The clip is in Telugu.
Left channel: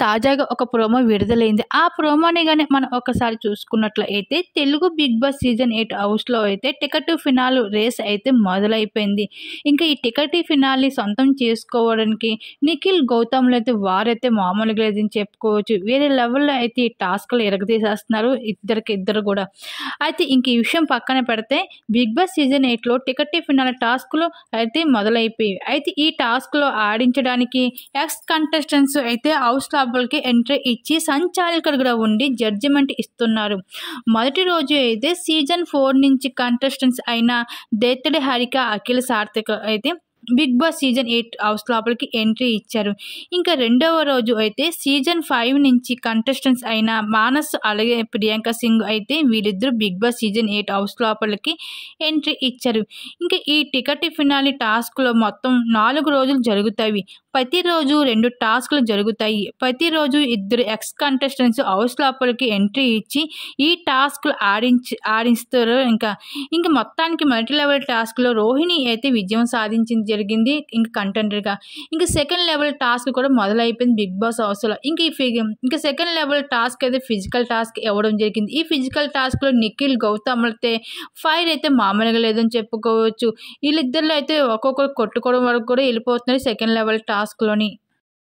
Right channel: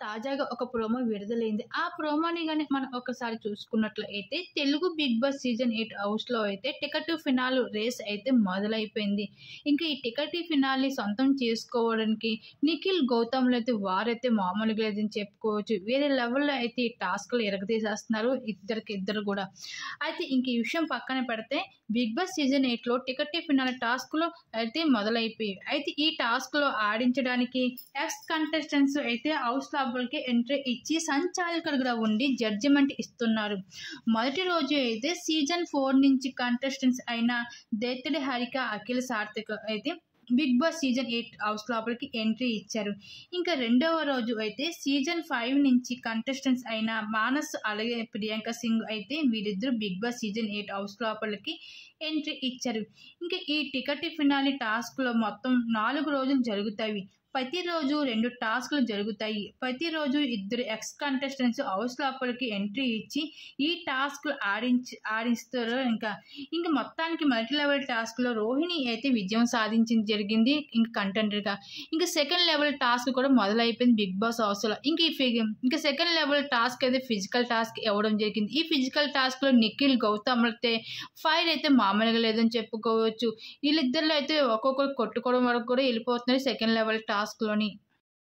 తాజాగా ఒక ప్రోమో విడుదలైంది. ఆ ప్రోమోని గాని మనం ఒకసారి చూసుకున్నట్లయితే తెలుగు బిగ్ బాస్ సీజన్ 8 హౌస్‌లో అయితే టికెట్ టు ఫినాల్ రేస్ అయితే మొదలైపోయింది. ఇంకా ఈ టికెట్ టు ఫినాల్‌ని సొంతం చేసుకోవడానికి నిఖిల్, గౌతమ్‌లు అయితే వారైతే మామూలుగా లేదని చెప్పుకోవచ్చు. వేరే లెవెల్‌లో అయితే ఈ టాస్క్‌లు ఇరగదీసేస్తున్నారు ఇద్దరు కూడా. అయితే ఇంక ఈ విషయం పక్కన పెడితే బిగ్ బాస్ సీజన్ 8లో టికెట్ టు ఫినాల్ టాస్క్‌లు అయితే మొదలైపోయాయి. అయితే ఈ టాస్క్‌లో ఆడించడానికి ఎక్స్ కంటెస్టెంట్స్ అయితే హౌస్ లోపలికి ఎంట్రీ ఇచ్చి సంచాలకుడిగా ఉండి జడ్జిమెంట్ ఇస్తున్నారు. మొదటి రోజు అయితే సీజన్ 4 నుంచి కంటెస్టెంట్స్ అయిన దేత్తడి హారిక, అఖిల సార్థక్ అయితే బిగ్ బాస్ సీజన్ 8 హౌస్ లోపలికి ఎంట్రీ ఇచ్చారు. ఇంకా రెండవ రోజు అయితే సీజన్ 5 నుంచి కంటెస్టెంట్స్ అయిన మానస్ అలాగే ప్రియాంక సింగ్ అయితే వీళ్ళిద్దరూ బిగ్ బాస్ సీజన్ 8 హౌస్ లోపలికి ఎంట్రీ ఇచ్చారు. ఇంకా ఈ టికెట్ ఫినాలి టాస్క్లో మొత్తం 4 రోజులు జరుగుతాయి. ప్రతిరోజు 2 టాస్క్‌లు జరుగుతాయి. ప్రతిరోజు ఇద్దరు ఎక్స్ కంటెస్టెంట్స్ హౌస్ లోపలికి ఎంట్రీ ఇచ్చి ఈ టాస్క్‌లు ఆడిస్తారు. ఇంక మొత్తానికి మల్టీ లెవెల్ టాస్క్‌లో రోహిణి అయితే విజయం సాధించింది జరిగింది. ఇంక కంటెండర్‌గా. ఇంక సెకండ్ లెవెల్ టాస్క్ కూడా మొదలైపోయింది బిగ్ బాస్ హౌస్‌లో. ఇంక సెకండ్ లెవెల్ టాస్క్ అయితే ఫిజికల్ టాస్క్ ఇవ్వడం జరిగింది. ఈ ఫిజికల్ టాస్క్‌లో నిఖిల్, గౌతమ్‌లతో ఫైర్ అయితే మామూలుగా లేదని చెప్పుకోవచ్చు. వీళ్ళిద్దరిలో అయితే ఒక్కొక్కరు కొట్టుకోవడం వరకు కూడా వెళ్ళిపోతున్నారు సెకండ్ లెవెల్ టాస్క్‌లోని.